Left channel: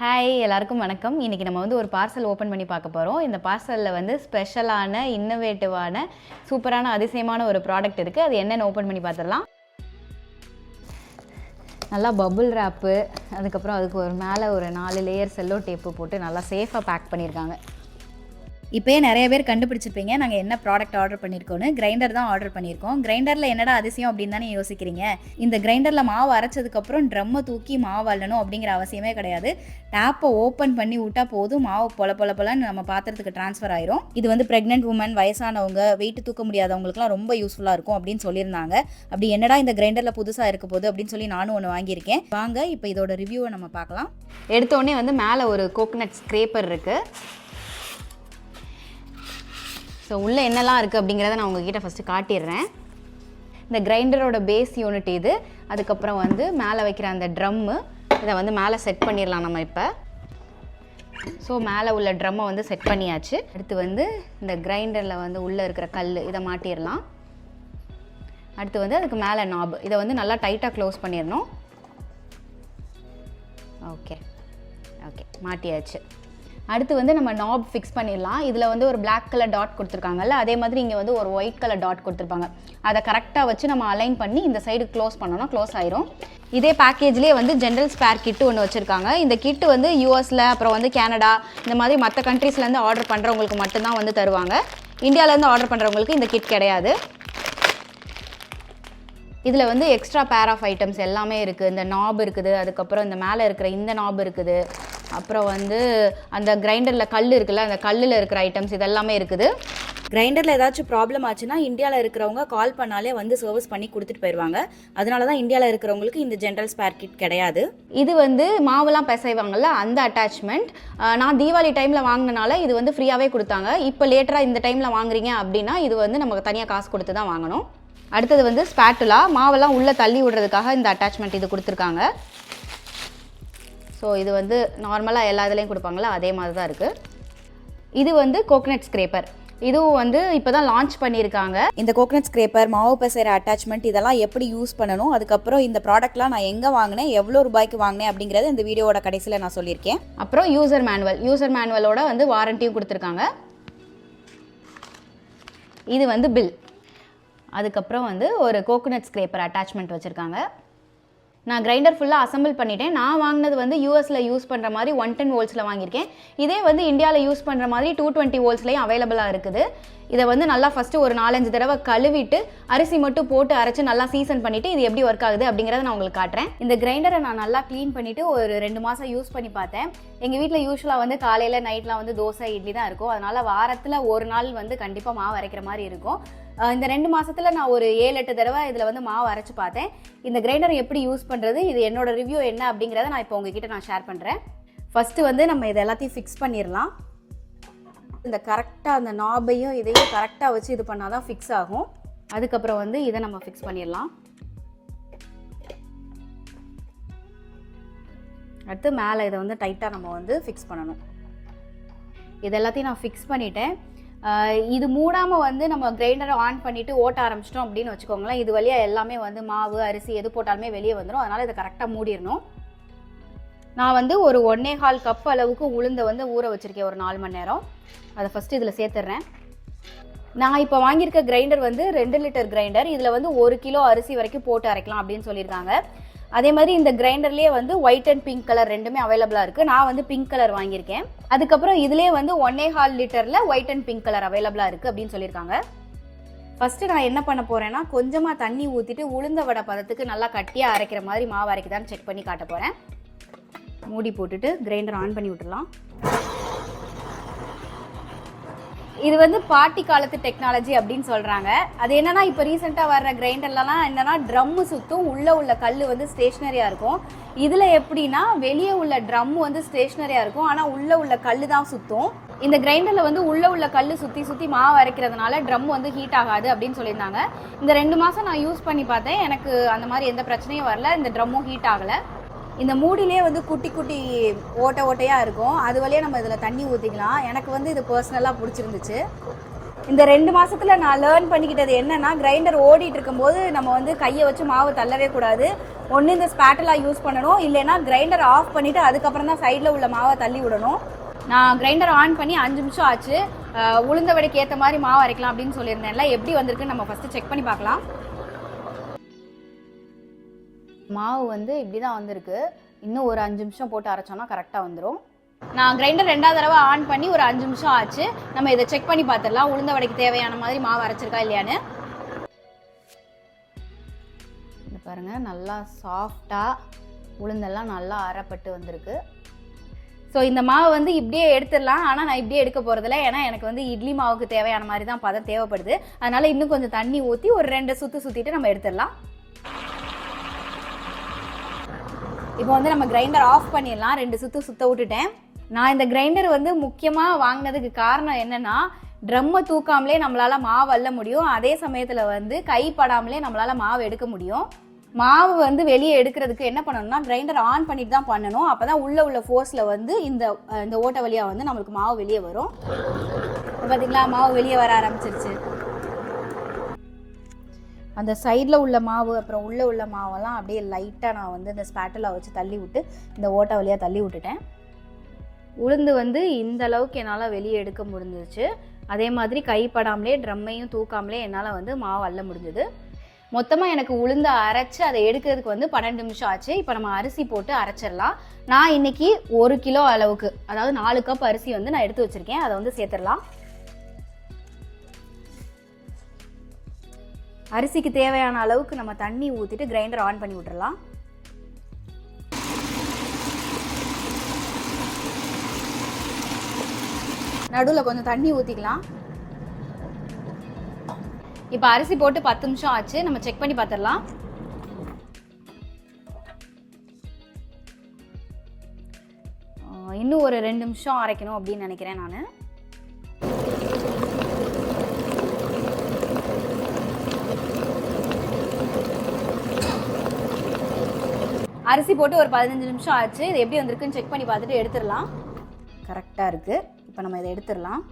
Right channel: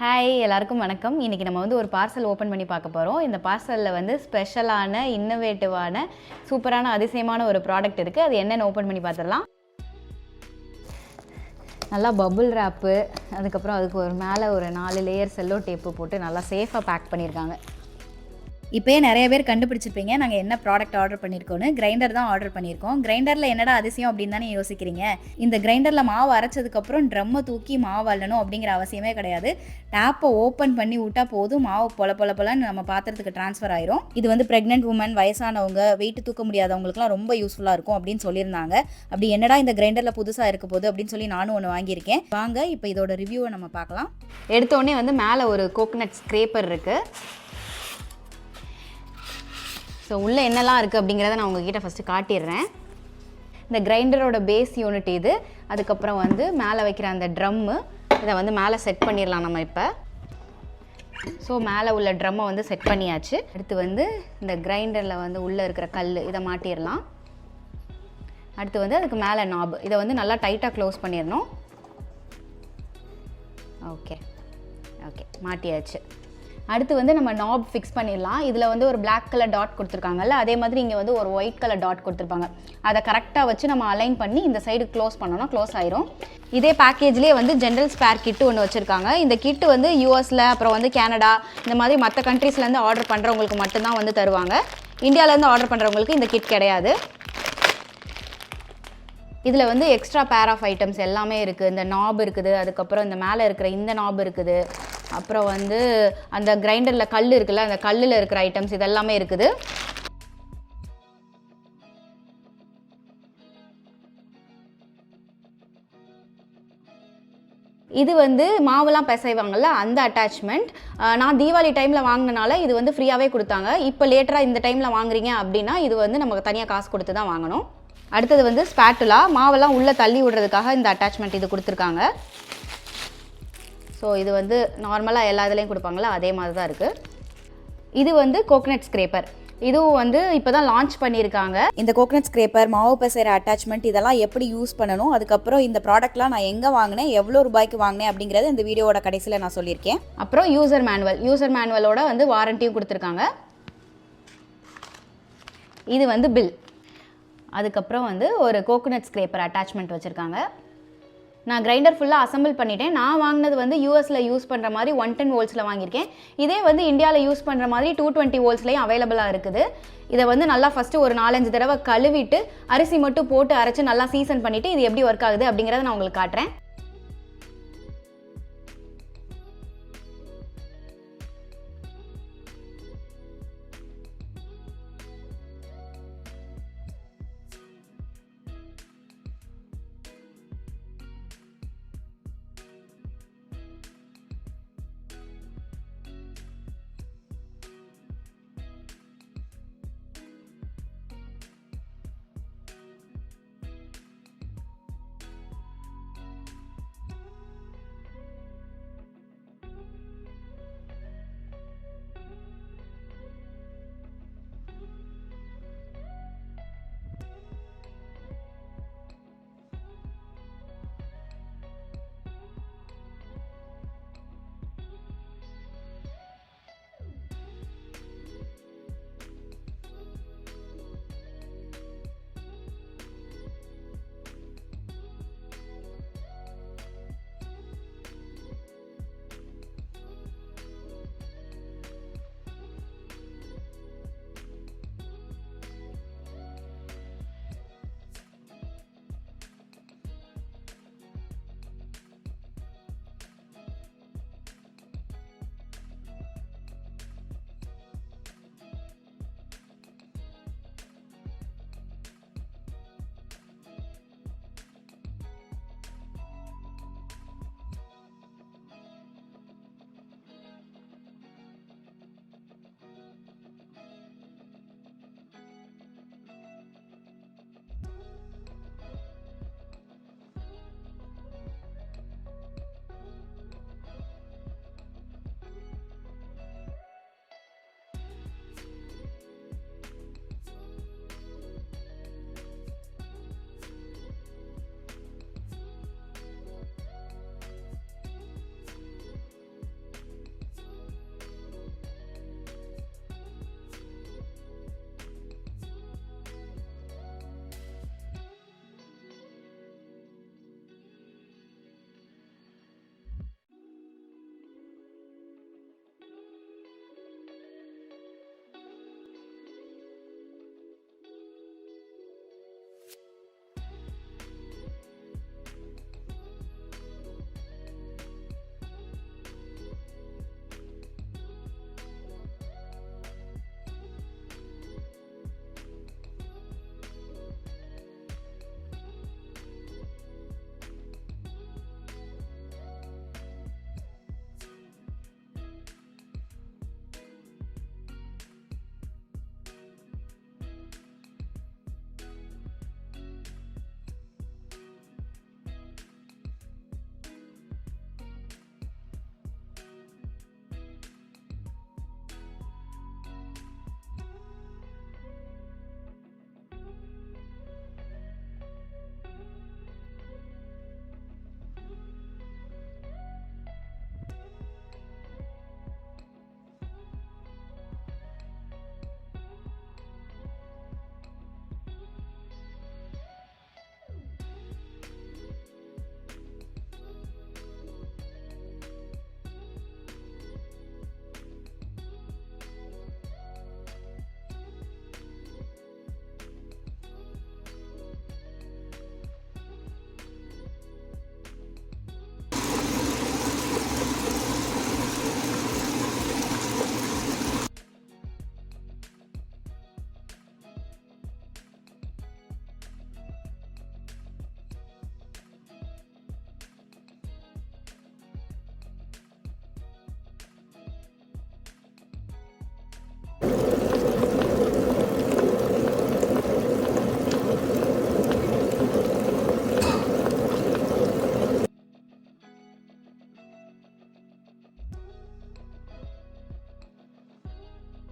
Hi எல்லாருக்கும் வணக்கம். இன்றைக்கி நம்ம வந்து ஒரு பார்சல் ஓப்பன் பண்ணி பார்க்க போகிறோம். இந்த பார்சலில் வந்து ஸ்பெஷலான இன்னோவேட்டிவான சூப்பரான அதிசயமான ஒரு ப்ராடக்ட் இருக்குது. அது என்னென்னு ஓப்பன் பண்ணி பார்த்துடலாம். நல்லா பபுள் ரேப்பு, அதுக்கப்புறம் அதுக்கு ஒரு மேலே ஒரு 4 லேயர் செல்லோ டேப்பு போட்டு நல்லா சேஃபாக பேக் பண்ணியிருக்காங்க. இப்போயே நிறைய பேர் கண்டுபிடிச்சிருப்பீங்க நாங்கள் என்ன ப்ராடக்ட் ஆர்டர் பண்ணியிருக்கோன்னு. கிரைண்டர் தான் ஆர்டர் பண்ணியிருக்கோம். கிரைண்டரில் என்னடா அதிசயம் அப்படின்னு தானே யோசிக்கிறீங்க. இந்த கிரைண்டரில் மாவு அரைச்சதுக்கப்புறம் ட்ரம்மை தூக்கி மாவு அள்ளணும் அப்படிங்கிற அவசியமே கிடையாது. டேப்பை ஓப்பன் பண்ணி விட்டால் போதும், மாவு பொலன்னு நம்ம பாத்திரத்துக்கு ட்ரான்ஸ்ஃபர் ஆயிரும். இது வந்து ப்ரெக்னென்ட் உமன், வயசானவங்க, வெயிட் தூக்க முடியாதவங்களுக்குலாம் ரொம்ப யூஸ்ஃபுல்லாக இருக்கும் அப்படின்னு சொல்லியிருந்தாங்க. அப்படி என்னடா இந்த கிரைண்டரில் புதுசாக இருக்க போகுது அப்படின்னு சொல்லி நானும் ஒன்று வாங்கியிருக்கேன். வாங்க இப்போ இதோட ரிவ்யூவை நம்ம பார்க்கலாம். எடுத்தோடனே வந்து மேலே ஒரு கோகனட் ஸ்க்ரேப்பர் இருக்குது. ஸோ உள்ளே என்னெல்லாம் இருக்குது அப்படிங்கிறத நான் உங்ககிட்ட ஃபஸ்ட்டு காட்டிடுறேன். இந்த கிரைண்டரோட பேஸ் யூனிட் இது. அதுக்கப்புறம் வந்து மேலே வைக்கிற அந்த ட்ரம்மு, இதை வந்து மேலே செட் பண்ணிடலாம் நம்ம இப்போ. ஸோ மேலே உள்ள ட்ரம்மை வந்து செட் பண்ணியாச்சு. அடுத்து வந்து இந்த கிரைண்டரில் வந்து உள்ளே இருக்கிற கல், இதை மாட்டிடலாம். அடுத்து வந்து அதுக்கு மேலே நாப், இதை வந்து நல்லா டைட்டாக க்ளோஸ் பண்ணிடணும். ஓகே மாட்டியாச்சு. அடுத்து வந்து நம்ம நாப் ஃபிக்ஸ் பண்ணிடலாம். இதில் வந்து ஒரு பிளாக் கலர் டாட் கொடுத்துருக்காங்கல்ல, அதே மாதிரி இங்கே வந்து ஒரு ஒயிட் கலர் டாட் கொடுத்துருப்பாங்க. அதை கரெக்டாக வச்சு நம்ம அலைன் பண்ணி இந்த சைடு க்ளோஸ் பண்ணோன்னா க்ளோஸ் ஆயிரும். இதே பேக்கேஜ்லேயே வந்து ஜென்ரல் ஸ்பேர் கிட்டு ஒன்று வச்சுருக்காங்க. இந்த கிட்டு வந்து யூஎஸில், அப்புறம் வந்து கனடா, இந்த மாதிரி மற்ற கண்ட்ரீஸ்லேருந்து ஆர்டர் பண்ணுறவங்களுக்கு மட்டும்தான் வந்து தருவாங்க. இந்தியாவிலேருந்து ஆர்டர் பண்ணுறவங்களுக்கு இந்த கிட் கிடையாது. இதில் வந்து எக்ஸ்ட்ரா பேர் ஆஃப் ஐட்டம்ஸ் எல்லாமே இருக்குது. இந்த நாப் இருக்குது, அதுக்கப்புறம் இந்த மேலே இருக்கிற இந்த நாப் இருக்குது, அப்புறம் வந்து அந்த கிரைண்டரில் கல் இருக்குல்ல, அந்த கல்லில் இருக்கிற ஐட்டம்ஸ் இதெல்லாமே இருக்குது. கிரைண்டரில் ஏதாச்சும் ப்ராப்ளம் ஆச்சுன்னா இந்தியாவில் இருக்கிறவங்க கால் பண்ணாலே வந்து சர்வீஸ் பண்ணி கொடுத்துட்டு போயிடுவாங்க. அதனால தான் இந்தியாவில் இருக்கிறவங்களுக்கு இந்த ஜென்ரல் ஸ்பேர் கிட் கிடையாது. இது வந்து மாவுலாம் பிசைவாங்கல்ல, அந்த அட்டாச்மெண்ட். நான் தீபாவளி டைமில் வாங்கினால இது வந்து ஃப்ரீயாகவே கொடுத்தாங்க. இப்போ லேட்டராக இந்த டைமில் வாங்குறீங்க அப்படின்னா இது வந்து நமக்கு தனியாக காசு கொடுத்து தான் வாங்கணும். அடுத்தது வந்து ஸ்பேட்டுலா, மாவெல்லாம் உள்ளே தள்ளி விடுறதுக்காக இந்த அட்டாச்மெண்ட் இது கொடுத்துருக்காங்க. ஸோ இது வந்து நார்மலாக எல்லா இதுலேயும் கொடுப்பாங்களா, அதே மாதிரி தான் இருக்குது. இது வந்து கோகனட் ஸ்க்ரேப்பர். இதுவும் வந்து இப்போ தான் லான்ச் பண்ணியிருக்காங்க. இந்த கோகனட் ஸ்க்ரேப்பர், மாவு பிசைகிற அட்டாச்மெண்ட், இதெல்லாம் எப்படி யூஸ் பண்ணணும், அதுக்கப்புறம் இந்த ப்ராடக்ட்லாம் நான் எங்கே வாங்கினேன், எவ்வளோ ரூபாய்க்கு வாங்கினேன் அப்படிங்கிறது இந்த வீடியோவோட கடைசியில் நான் சொல்லியிருக்கேன். அப்புறம் யூசர் மேனுவலோட வந்து வாரண்டியும் கொடுத்துருக்காங்க. இது வந்து பில். அதுக்கப்புறம் வந்து ஒரு கோகனட் ஸ்க்ரேப்பர் அட்டாச்மெண்ட் வச்சுருக்காங்க. நான் கிரைண்டர் ஃபுல்லாக அசம்பிள் பண்ணிட்டேன். நான் வாங்கினது வந்து யூஎஸில் யூஸ் பண்ணுற மாதிரி 110 வோல்ட்ஸில் வாங்கியிருக்கேன். இதே வந்து இந்தியாவில் யூஸ் பண்ணுற மாதிரி 220 வோல்ட்ஸ்லேயும் அவைலபிளாக இருக்குது. இதை வந்து நல்லா ஃபஸ்ட்டு ஒரு 4-5 தடவை கழுவிட்டு அரிசி மட்டும் போட்டு அரைச்சி நல்லா சீசன் பண்ணிவிட்டு இது எப்படி ஒர்க் ஆகுது அப்படிங்கிறத நான் உங்களுக்கு காட்டுறேன். இந்த கிரைண்டரை நான் நல்லா க்ளீன் பண்ணிவிட்டு ஒரு 2 மாதம் யூஸ் பண்ணி பார்த்தேன். எங்கள் வீட்டில் யூஸ்வலாக வந்து காலையில் நைட்லாம் வந்து தோசை இட்லி தான் இருக்கும். அதனால் வாரத்தில் ஒரு நாள் வந்து கண்டிப்பாக மாவு அரைக்கிற மாதிரி இருக்கும். இந்த 2 மாதத்தில் நான் ஒரு 7-8 தடவை இதில் வந்து மாவு அரைச்சி பார்த்தேன். இந்த கிரைண்டரை எப்படி யூஸ் பண்ணுறது, இது என்னோட ரிவ்யூ என்ன அப்படிங்கிறத நான் இப்போ உங்ககிட்ட நான் ஷேர் பண்ணுறேன். ஃபஸ்ட்டு வந்து நம்ம இதை எல்லாத்தையும் ஃபிக்ஸ் பண்ணிடலாம். இந்த கரெக்டாக அந்த நாபையும் இதையும் கரெக்டாக வச்சு இது பண்ணால் தான் ஃபிக்ஸ் ஆகும். அதுக்கப்புறம் வந்து இதை நம்ம ஃபிக்ஸ் பண்ணிடலாம். அடுத்து மேலே இதை வந்து டைட்டாக நம்ம வந்து ஃபிக்ஸ் பண்ணணும். இது எல்லாத்தையும் நான் ஃபிக்ஸ் பண்ணிட்டேன். இது மூடாமல் வந்து நம்ம கிரைண்டரை ஆன் பண்ணிவிட்டு ஓட்ட ஆரம்பிச்சிட்டோம் அப்படின்னு வச்சுக்கோங்களேன், இது வழியாக எல்லாமே வந்து மாவு, அரிசி எது போட்டாலுமே வெளியே வந்துடும். அதனால் இதை கரெக்டாக மூடிடணும். நான் வந்து ஒரு 1.25 கப் அளவுக்கு உளுந்தை வந்து ஊற வச்சுருக்கேன் ஒரு 4 மணி நேரம். அதை ஃபஸ்ட்டு இதில் சேர்த்துட்றேன். நான் இப்போ வாங்கியிருக்க கிரைண்டர் வந்து 2 லிட்டர் கிரைண்டர். இதில் வந்து 1 கிலோ அரிசி வரைக்கும் போட்டு அரைக்கலாம் அப்படின்னு சொல்லியிருக்காங்க. அதே மாதிரி இந்த கிரைண்டர்லேயே வந்து ஒயிட் அண்ட் பிங்க் கலர் ரெண்டுமே அவைலபிளாக இருக்குது. நான் வந்து பிங்க் கலர் வாங்கியிருக்கேன். அதுக்கப்புறம் இதுலேயே வந்து 1.25 லிட்டரில் ஒயிட் அண்ட் பிங்க் கலர் அவைலபிளாக இருக்குது அப்படின்னு சொல்லியிருக்காங்க. ஃபஸ்ட்டு நான் என்ன பண்ண போகிறேன்னா, கொஞ்சமாக தண்ணி ஊற்றிட்டு உளுந்த வடை பதத்துக்கு நல்லா கட்டியாக அரைக்கிற மாதிரி மாவு அரைக்குதான்னு செக் பண்ணி காட்ட போகிறேன். மூடி போட்டுட்டு கிரைண்டர் ஆன் பண்ணி விட்டுடலாம். இது வந்து பாட்டி காலத்து டெக்னாலஜி அப்படின்னு சொல்கிறாங்க. அது என்னன்னா, இப்போ ரீசெண்டாக வர்ற கிரைண்டர்லாம் என்னன்னா ட்ரம்மு சுற்றும், உள்ளே உள்ள கல் வந்து ஸ்டேஷ்னரியாக இருக்கும். இதில் எப்படின்னா, வெளியே உள்ள ட்ரம்மு வந்து ஸ்டேஷ்னரியாக இருக்கும், ஆனால் உள்ளே உள்ள கல் தான் சுற்றும். இந்த கிரைண்டரில் வந்து உள்ளே உள்ள கல் சுற்றி மாவு அரைக்கிறதுனால ட்ரம் வந்து ஹீட் ஆகாது அப்படின்னு சொல்லியிருந்தாங்க. இந்த 2 மாதம் நான் யூஸ் பண்ணி பார்த்தேன். எனக்கு அந்த மாதிரி எந்த பிரச்சனையும் வரல. இந்த ட்ரம்மும் ஹீட் ஆகலை. இந்த மூடிலே வந்து குட்டி குட்டி ஓட்டையாக இருக்கும். அது வழியாக நம்ம இதில் தண்ணி ஊற்றிக்கலாம். எனக்கு வந்து இது பர்சனலாக பிடிச்சிருந்துச்சு. இந்த 2 மாதத்தில் நான் லேர்ன் பண்ணிக்கிட்டது என்னென்னா, கிரைண்டர் ஓடிட்டு இருக்கும்போது நம்ம வந்து கையை வச்சு மாவு தள்ளவே கூடாது. ஒன்று இந்த ஸ்பேட்டலா யூஸ் பண்ணணும், இல்லைன்னா கிரைண்டர் ஆஃப் பண்ணிவிட்டு அதுக்கப்புறம் தான் சைடில் உள்ள மாவை தள்ளி விடணும். நான் கிரைண்டர் ஆன் பண்ணி 5 நிமிஷம் ஆச்சு. உளுந்த வடைக்கு ஏற்ற மாதிரி மாவு அரைக்கலாம் அப்படின்னு சொல்லியிருந்தேன்ல, எப்படி வந்திருக்குன்னு நம்ம ஃபஸ்ட்டு செக் பண்ணி பார்க்கலாம். மாவு வந்து இப்படி தான் வந்திருக்கு. இன்னும் ஒரு 5 நிமிஷம் போட்டு அரைச்சோன்னா கரெக்டாக வந்துடும். நான் கிரைண்டர் 2வது தடவை ஆன் பண்ணி ஒரு 5 நிமிஷம் ஆச்சு. நம்ம இதை செக் பண்ணி பார்த்துடலாம், உளுந்த வடைக்கு தேவையான மாதிரி மாவு அரைச்சிருக்கா இல்லையான்னு. பாருங்க, நல்லா சாஃப்டாக உளுந்தெல்லாம் நல்லா அரைப்பட்டு வந்திருக்கு. ஸோ இந்த மாவை வந்து இப்படியே எடுத்துடலாம். ஆனால் நான் இப்படியே எடுக்க போகிறதில்ல, ஏன்னா எனக்கு வந்து இட்லி மாவுக்கு தேவையான மாதிரி தான் பதம் தேவைப்படுது. அதனால் இன்னும் கொஞ்சம் தண்ணி ஊற்றி ஒரு 2 சுற்று சுற்றிட்டு நம்ம எடுத்துடலாம். இப்போ வந்து நம்ம கிரைண்டர் ஆஃப் பண்ணிடலாம். 2 சுற்று சுற்ற விட்டுட்டேன். நான் இந்த கிரைண்டர் வந்து முக்கியமாக வாங்கினதுக்கு காரணம் என்னென்னா, ட்ரம்மை தூக்காமலே நம்மளால் மாவு அள்ள முடியும், அதே சமயத்தில் வந்து கைப்படாமலே நம்மளால் மாவு எடுக்க முடியும். மாவு வந்து வெளியே எடுக்கிறதுக்கு என்ன பண்ணணும்னா, கிரைண்டர் ஆன் பண்ணிட்டு தான் பண்ணணும். அப்போ தான் உள்ள ஃபோர்ஸில் வந்து இந்த ஓட்டை வழியாக வந்து நம்மளுக்கு மாவு வெளியே வரும். பார்த்தீங்களா, மாவு வெளியே வர ஆரம்பிச்சிருச்சு. அந்த சைடில் உள்ள மாவு அப்புறம் உள்ள மாவெல்லாம் அப்படியே லைட்டாக நான் வந்து இந்த ஸ்பேட்டலா வச்சு தள்ளி விட்டு இந்த ஓட்டை வழியாக தள்ளி விட்டுட்டேன். உளுந்து வந்து இந்த அளவுக்கு என்னால் வெளியே எடுக்க முடிஞ்சிருச்சு. அதே மாதிரி கைப்படாமலே ட்ரம்மையும் தூக்காமலே என்னால் வந்து மாவு அள்ள முடிஞ்சது. மொத்தமாக எனக்கு உளுந்து அரைச்சி அதை எடுக்கிறதுக்கு வந்து 12 நிமிஷம் ஆச்சு. இப்போ நம்ம அரிசி போட்டு அரைச்சிடலாம். நான் இன்னைக்கு 1 கிலோ அளவுக்கு, அதாவது 4 கப் அரிசி வந்து நான் எடுத்து வச்சுருக்கேன். அதை வந்து சேர்த்துடலாம். அரிசிக்கு தேவையான அளவுக்கு நம்ம தண்ணி ஊற்றிட்டு கிரைண்டர் ஆன் பண்ணி விட்டுறலாம். நடுவில் கொஞ்சம் தண்ணி ஊற்றிக்கலாம். இப்போ அரிசி போட்டு 10 நிமிஷம் ஆச்சு. நம்ம செக் பண்ணி பார்த்துடலாம். இன்னும் ஒரு 2 நிமிஷம் அரைக்கணும் அப்படின்னு நினைக்கிறேன் நான். அரிசி போட்டு ஒரு 15 நிமிஷம் ஆச்சு. இது எப்படி வந்திருக்குன்னு செக் பண்ணி பார்த்துட்டு எடுத்துடலாம். கரெக்டாக இருக்குது. இப்போ நம்ம இதை எடுத்துடலாம்.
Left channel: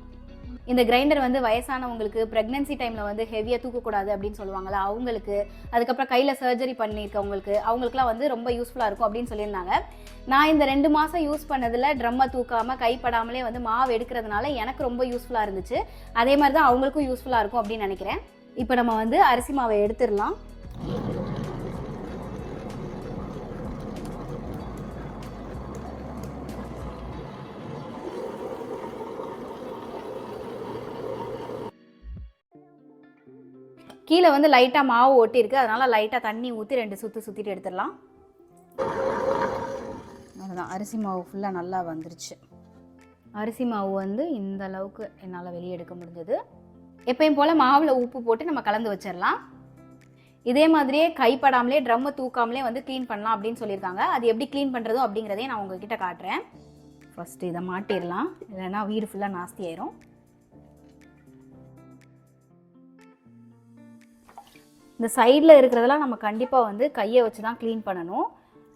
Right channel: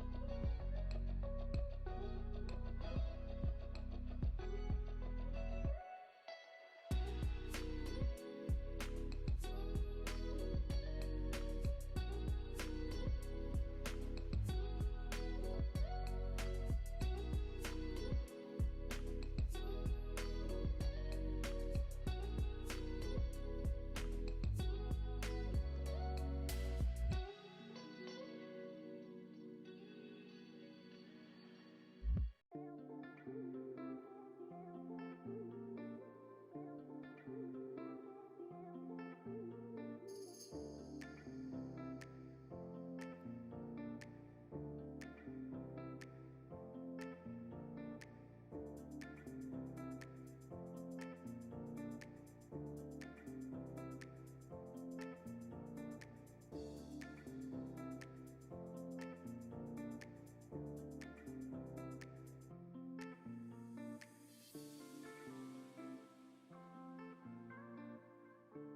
இந்த கிரைண்டர் வந்து வயசானவங்களுக்கு, ப்ரெக்னென்சி டைமில் வந்து ஹெவியாக தூக்கக்கூடாது அப்படின்னு சொல்லுவாங்கள்ல, அவங்களுக்கு, அதுக்கப்புறம் கையில் சர்ஜரி பண்ணியிருக்கவங்களுக்கு, அவங்களுக்குலாம் வந்து ரொம்ப யூஸ்ஃபுல்லாக இருக்கும் அப்படின்னு சொல்லியிருந்தாங்க. நான் இந்த 2 மாதம் யூஸ் பண்ணதில் ட்ரம்மை தூக்காமல் கைப்படாமலே வந்து மாவு எடுக்கிறதுனால எனக்கு ரொம்ப யூஸ்ஃபுல்லாக இருந்துச்சு. அதே மாதிரி தான் அவங்களுக்கும் யூஸ்ஃபுல்லாக இருக்கும் அப்படின்னு நினைக்கிறேன். இப்போ நம்ம வந்து அரிசி மாவை எடுத்துடலாம். கீழே வந்து லைட்டாக மாவு ஒட்டியிருக்கு, அதனால் லைட்டாக தண்ணி ஊற்றி 2 சுற்று சுற்றிட்டு எடுத்துடலாம். அதுதான், அரிசி மாவு ஃபுல்லாக நல்லா வந்துருச்சு. அரிசி மாவு வந்து இந்த அளவுக்கு என்னால் வெளியே எடுக்க முடிஞ்சது. எப்பயும் போல் மாவில் உப்பு போட்டு நம்ம கலந்து வச்சிடலாம். இதே மாதிரியே கைப்படாமலே ட்ரம்மை தூக்காமலே வந்து க்ளீன் பண்ணலாம் அப்படின்னு சொல்லியிருக்காங்க. அது எப்படி க்ளீன் பண்ணுறதோ அப்படிங்கிறதையும் நான் உங்ககிட்ட காட்டுறேன். ஃபஸ்ட்டு இதை மாட்டிடலாம், இல்லைன்னா வீடு ஃபுல்லாக நாஸ்தி ஆயிரும். இந்த சைடில் இருக்கிறதெல்லாம் நம்ம கண்டிப்பாக வந்து கையை வச்சு தான் க்ளீன் பண்ணணும்.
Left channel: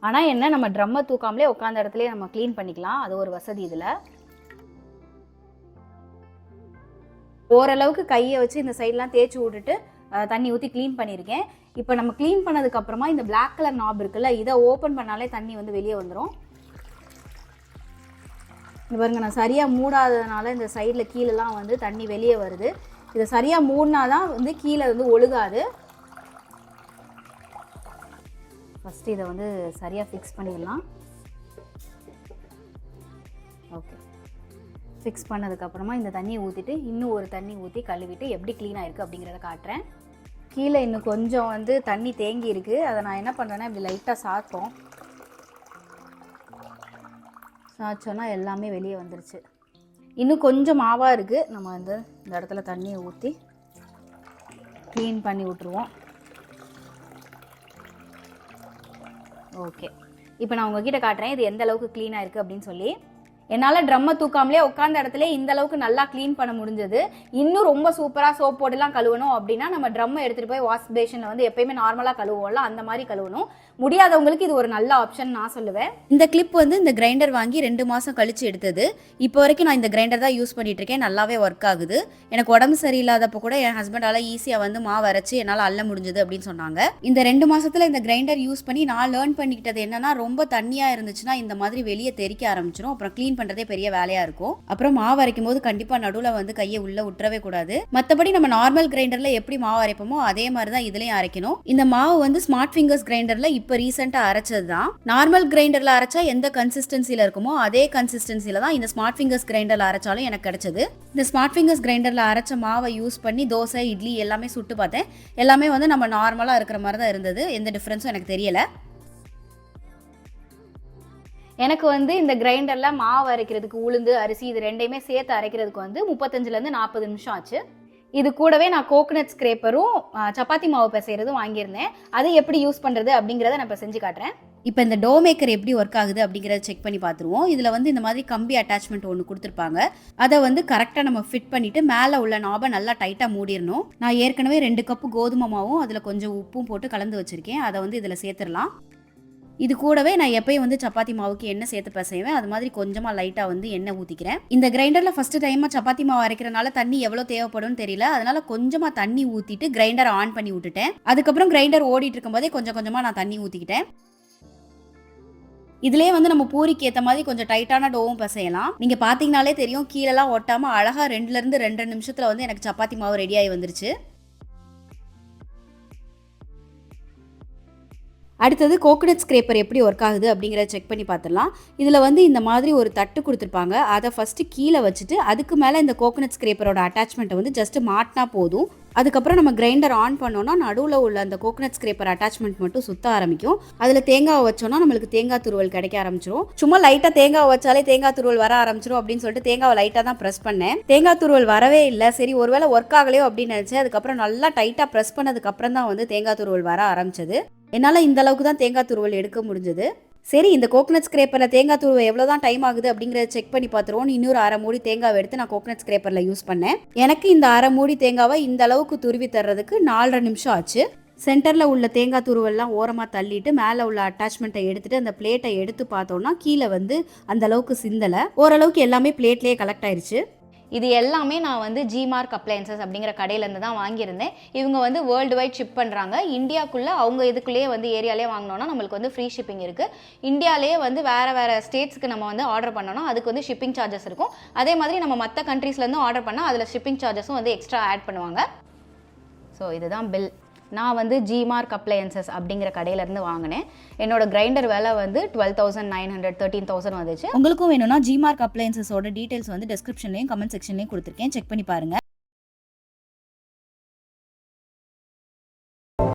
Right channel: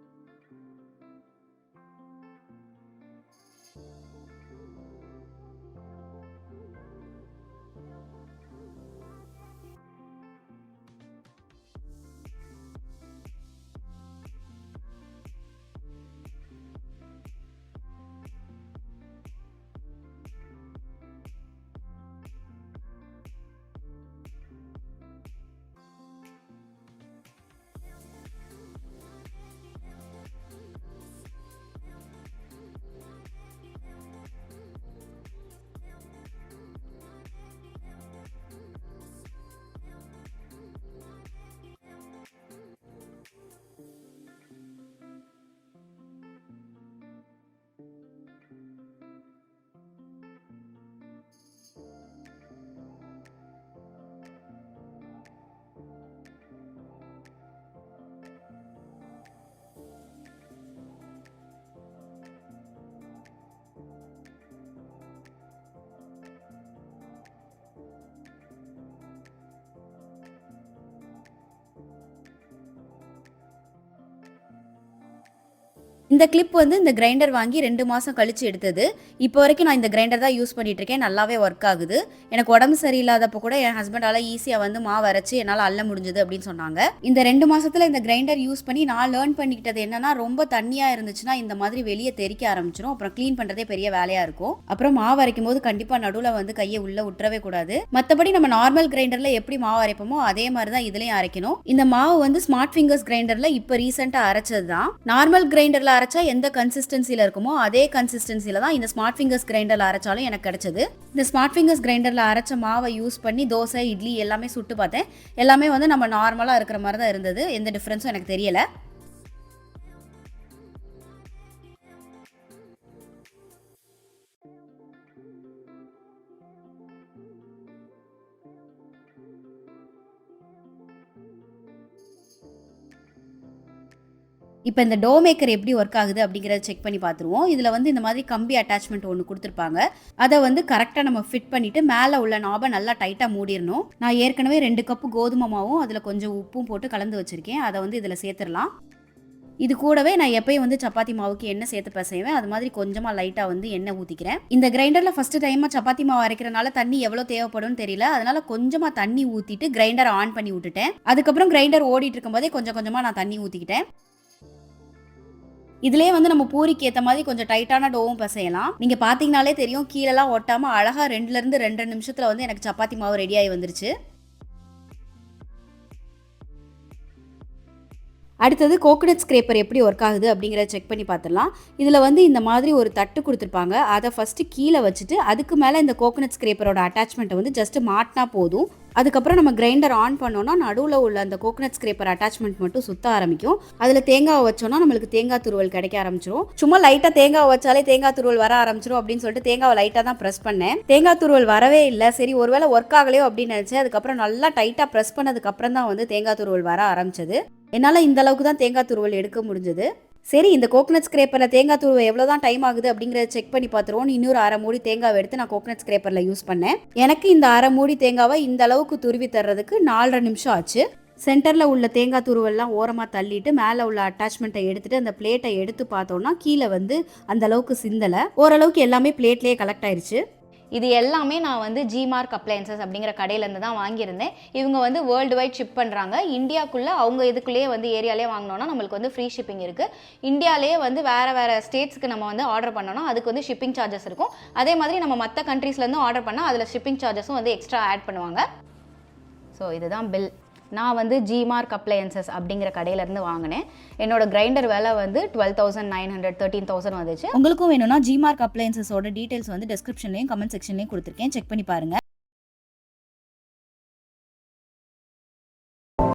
ஆனால் என்ன, நம்ம ட்ரம்மை தூக்காமலே உட்காந்த இடத்துலேயே நம்ம க்ளீன் பண்ணிக்கலாம். அது ஒரு வசதி இதில். ஓரளவுக்கு கையை வச்சு இந்த சைட்லாம் தேய்ச்சி விட்டுட்டு தண்ணி ஊற்றி க்ளீன் பண்ணியிருக்கேன். இப்போ நம்ம க்ளீன் பண்ணதுக்கப்புறமா இந்த பிளாக் கலர் நாப் இருக்குல்ல, இதை ஓப்பன் பண்ணாலே தண்ணி வந்து வெளியே வந்துடும். இது பாருங்க, நான் சரியாக மூடாததுனால இந்த சைடில் கீழெல்லாம் வந்து தண்ணி வெளியே வருது. இதை சரியாக மூடினா தான் வந்து கீழே வந்து ஒழுகாது. ஃபஸ்ட்டு இதை வந்து சரியாக ஃபிக்ஸ் பண்ணிடலாம். ஓகே, ஃபிக்ஸ் பண்ணதுக்கப்புறமா இந்த தண்ணியை ஊற்றிட்டு இன்னும் ஒரு தண்ணி ஊற்றி கழுவிட்டு எப்படி க்ளீனாக இருக்குது அப்படிங்கிறத காட்டுறேன். கீழே இன்னும் கொஞ்சம் வந்து தண்ணி தேங்கி இருக்குது. அதை நான் என்ன பண்ணுறேன்னா, இப்படி லைட்டாக சாய்ப்போம். சாய்ச்சோன்னா எல்லாமே வெளியே வந்துருச்சு. இன்னும் கொஞ்சம் மாவாக இருக்குது. நம்ம வந்து இந்த இடத்துல தண்ணியை ஊற்றி க்ளீன் பண்ணி விட்ருவோம். ஓகே, இப்போ நான் உங்ககிட்ட காட்டுறேன் இது எந்த அளவுக்கு க்ளீனாக இருக்குது அப்படின்னு சொல்லி. என்னால் ட்ரம்மை தூக்காமலே உட்காந்த இடத்துல இந்த அளவுக்கு நல்லா க்ளீன் பண்ண முடிஞ்சது. இன்னும் ரொம்ப சூப்பராக சோப் போட்டுலாம் கழுவணும் அப்படின்னா நம்ம ட்ரம்மை எடுத்துகிட்டு போய் வாஷ் பேஷனில் வந்து எப்பயுமே நார்மலாக கழுவுவோம்ல, அந்த மாதிரி கழுவணும். முடியாதவங்களுக்கு இது ஒரு நல்ல ஆப்ஷன் நான் சொல்லுவேன். இந்த கிளிப் வந்து இந்த கிரைண்டர் வாங்கி 2 மாதம் கழிச்சு எடுத்தது. இப்போ வரைக்கும் நான் இந்த கிரைண்டர் தான் யூஸ் பண்ணிட்டு இருக்கேன். நல்லாவே ஒர்க் ஆகுது. எனக்கு உடம்பு சரியில்லாதப்போ கூட என் ஹஸ்பண்டால ஈஸியாக வந்து மாவு அரைச்சு என்னால் அள்ள முடிஞ்சது அப்படின்னு சொன்னாங்க. இந்த 2 மாசத்துல இந்த கிரைண்டர் யூஸ் பண்ணி நான் லேர்ன் பண்ணிக்கிட்டது என்னன்னா, ரொம்ப தண்ணியாக இருந்துச்சுன்னா இந்த மாதிரி வெளியே தெறிக்க ஆரம்பிச்சிடும். அப்புறம் க்ளீன் பண்ணுறதே பெரிய வேலையாக இருக்கும். அப்புறம் மாவு அரைக்கும் போது கண்டிப்பாக நடுவில் வந்து கையை உள்ள விட்டுறவே கூடாது. மற்றபடி நம்ம நார்மல் கிரைண்டரில் எப்படி மாவு அரைப்போமோ அதே மாதிரி தான் இதுலேயும் அரைக்கணும். இந்த மாவு வந்து ஸ்மார்ட் ஃபிங்கர்ஸ் கிரைண்டரில் இப்போ ரீசெண்டாக அரைச்சது தான். நார்மல் கிரைண்டரில் அரைச்சா எந்த கன்சிஸ்டன்சியில் இருக்குமோ அதே கன்சிஸ்டன்சியில் தான் இந்த ஸ்மார்ட் ஃபிங்கர்ஸ் கிரைண்டரில் அரைச்சாலும் எனக்கு கிடைச்சது. இந்த ஸ்மார்ட் ஃபிங்கர்ஸ் கிரைண்டரில் அரைச்ச மாவை யூஸ் பண்ணி தோசை, இட்லி எல்லாமே சுட்டு பார்த்தேன். எல்லாமே வந்து நம்ம நார்மலாக இருக்கிற மாதிரி தான் இருந்தது. எந்த டிஃப்ரென்ஸும் எனக்கு தெரியல. எனக்கு வந்து இந்த கிரைண்டரில் மாவு அரைக்கிறதுக்கு உளுந்து, அரிசி இது ரெண்டையுமே சேர்த்து அரைக்கிறதுக்கு வந்து 35லேருந்து 40 நிமிஷம் ஆச்சு. இது கூடவே நான் கோகனட் ஸ்க்ரேப்பரும் சப்பாத்தி மாவு பிசைறதும் வாங்கியிருந்தேன். அது எப்படி யூஸ் பண்ணுறது அப்படிங்கிறத நான் இப்போ செஞ்சு காட்டுறேன். இப்போ இந்த டோ மேக்கர் எப்படி ஒர்க் ஆகுது அப்படிங்கிறத செக் பண்ணி பார்த்துருவோம். இதில் வந்து இந்த மாதிரி கம்பி அட்டாச்மெண்ட் ஒன்று கொடுத்துருப்பாங்க. அதை வந்து கரெக்டாக நம்ம ஃபிட் பண்ணிவிட்டு மேலே உள்ள நாபை நல்லா டைட்டாக மூடிடணும். நான் ஏற்கனவே 2 கப்பு கோதுமை மாவும் அதில் கொஞ்சம் உப்பும் போட்டு கலந்து வச்சுருக்கேன். அதை வந்து இதில் சேர்த்துடலாம். இது கூடவே நான் எப்பயும் வந்து சப்பாத்தி மாவுக்கு எண்ணெய் சேர்த்து பிசைவேன். அது மாதிரி கொஞ்சமாக லைட்டாக வந்து எண்ணெய் ஊற்றிக்கிறேன். இந்த கிரைண்டரில் ஃபஸ்ட்டு டைமாக சப்பாத்தி மாவு அரைக்கிறனால தண்ணி எவ்வளோ தேவைப்படும்னு தெரியல. அதனால கொஞ்சமாக தண்ணி ஊற்றிட்டு கிரைண்டரை ஆன் பண்ணி விட்டுட்டேன். அதுக்கப்புறம் கிரைண்டர் ஓடிட்டு இருக்கும்போதே கொஞ்சம் கொஞ்சமாக நான் தண்ணி ஊற்றிக்கிட்டேன். இதுலேயே வந்து நம்ம பூரிக்கு ஏற்ற மாதிரி கொஞ்சம் டைட்டான டோவும் பிசையலாம். நீங்கள் பார்த்தீங்கனாலே தெரியும், கீழெல்லாம் ஒட்டாமல் அழகாக 2லேருந்து 2.5 நிமிஷத்தில் வந்து எனக்கு சப்பாத்தி மாவு ரெடியாகி வந்துருச்சு. அடுத்தது கோகனட் ஸ்க்ரேப்பர் எப்படி ஒர்க் ஆகுது அப்படிங்கிறத செக் பண்ணி பார்த்துடலாம். இதில் வந்து இந்த மாதிரி ஒரு தட்டு கொடுத்துருப்பாங்க. அதை ஃபஸ்ட்டு கீழே வச்சுட்டு அதுக்கு மேலே இந்த கோகனட் ஸ்க்ரேப்பரோட அட்டாச்மெண்ட்டை வந்து ஜஸ்ட்டு மாட்டினா போதும். அதுக்கப்புறம் நம்ம கிரைண்டர் ஆன் பண்ணோன்னா நடுவில் உள்ள அந்த கோகனட் ஸ்க்ரேப்பர் அட்டாச்மெண்ட் மட்டும் சுத்த ஆரம்பிக்கும். அதில் தேங்காய் வச்சோன்னா நம்மளுக்கு தேங்காய் துருவல் கிடைக்க ஆரம்பிச்சிடும். சும்மா லைட்டாக தேங்காய் வச்சாலே தேங்காய் துருவல் வர ஆரம்பிச்சிடும் அப்படின்னு சொல்லிட்டு தேங்காவை லைட்டாக தான் ப்ரெஸ் பண்ணேன். தேங்காய் துருவல் வரவே இல்லை. சரி ஒருவேளை ஒர்க் ஆகலையோ அப்படின்னு நினச்சேன். அதுக்கப்புறம் நல்லா டைட்டாக ப்ரெஸ் பண்ணதுக்கப்புறம் தான் வந்து தேங்காய் துருவல் வர ஆரம்பிச்சது. என்னால் இந்த அளவுக்கு தான் தேங்காய் துருவல் எடுக்க முடிஞ்சது. சரி, இந்த கோகனட் ஸ்க்ரேப்பரில் தேங்காய் துருவல் எவ்வளோ தான் டைம் ஆகுது அப்படிங்கிறத செக் பண்ணி பார்த்துருவோம். இன்னொரு 1/2 மூடி தேங்காவை எடுத்து நான் கோகனட் ஸ்க்ரேப்பரில் யூஸ் பண்ணேன். எனக்கு இந்த 1/2 மூடி தேங்காவை இந்த அளவுக்கு துருவி தர்றதுக்கு 4.5 நிமிஷம் ஆச்சு. சென்டரில் உள்ள தேங்காய் துருவெல்லாம் ஓரமாக தள்ளிட்டு மேலே உள்ள அட்டாச்மெண்ட்டை எடுத்துட்டு அந்த பிளேட்டை எடுத்து பார்த்தோன்னா கீழே வந்து அந்த அளவுக்கு சிந்தலை. ஓரளவுக்கு எல்லாமே பிளேட்லேயே கலெக்ட் ஆயிடுச்சு. இது எல்லாமே நான் வந்து ஜிமார்க் அப்ளையன்சஸ் அப்படிங்கிற கடையிலேருந்து தான் வாங்கியிருந்தேன். இவங்க வந்து வேர்ல்டு வைட் ஷிப் பண்ணுறாங்க. இந்தியாவுக்குள்ளே அவங்க இதுக்குள்ளேயே வந்து ஏரியாலே வாங்கினோன்னா நம்மளுக்கு வந்து ஃப்ரீ ஷிப்பிங் இருக்குது. இந்தியாவிலே வந்து வேறு ஸ்டேட்ஸ்க்கு நம்ம வந்து ஆர்டர் பண்ணோன்னா அதுக்கு வந்து ஷிப்பிங் சார்ஜஸ் இருக்கும். அதே மாதிரி நம்ம மற்ற கண்ட்ரீஸ்லேருந்து ஆர்டர் பண்ணால் அதில் ஷிப்பிங் சார்ஜஸும் வந்து எக்ஸ்ட்ரா ஆட் பண்ணுவாங்க. ஸோ இதுதான் பில். நான் வந்து ஜிமார்க் அப்ளையன்சஸ் அப்படிங்கிற கடையிலேருந்து வாங்கினேன். என்னோட கிரைண்டர் விலை வந்து 12,900 13,000 வந்துச்சு. உங்களுக்கும் வேணும்னா ஜிமார்க் அப்ளையன்சஸோட டீட்டெயில்ஸ் வந்து டிஸ்கிரிப்ஷன்லையும் கமெண்ட் செக்ஷன்லையும் கொடுத்துருக்கேன். செக் பண்ணி பாருங்கள்.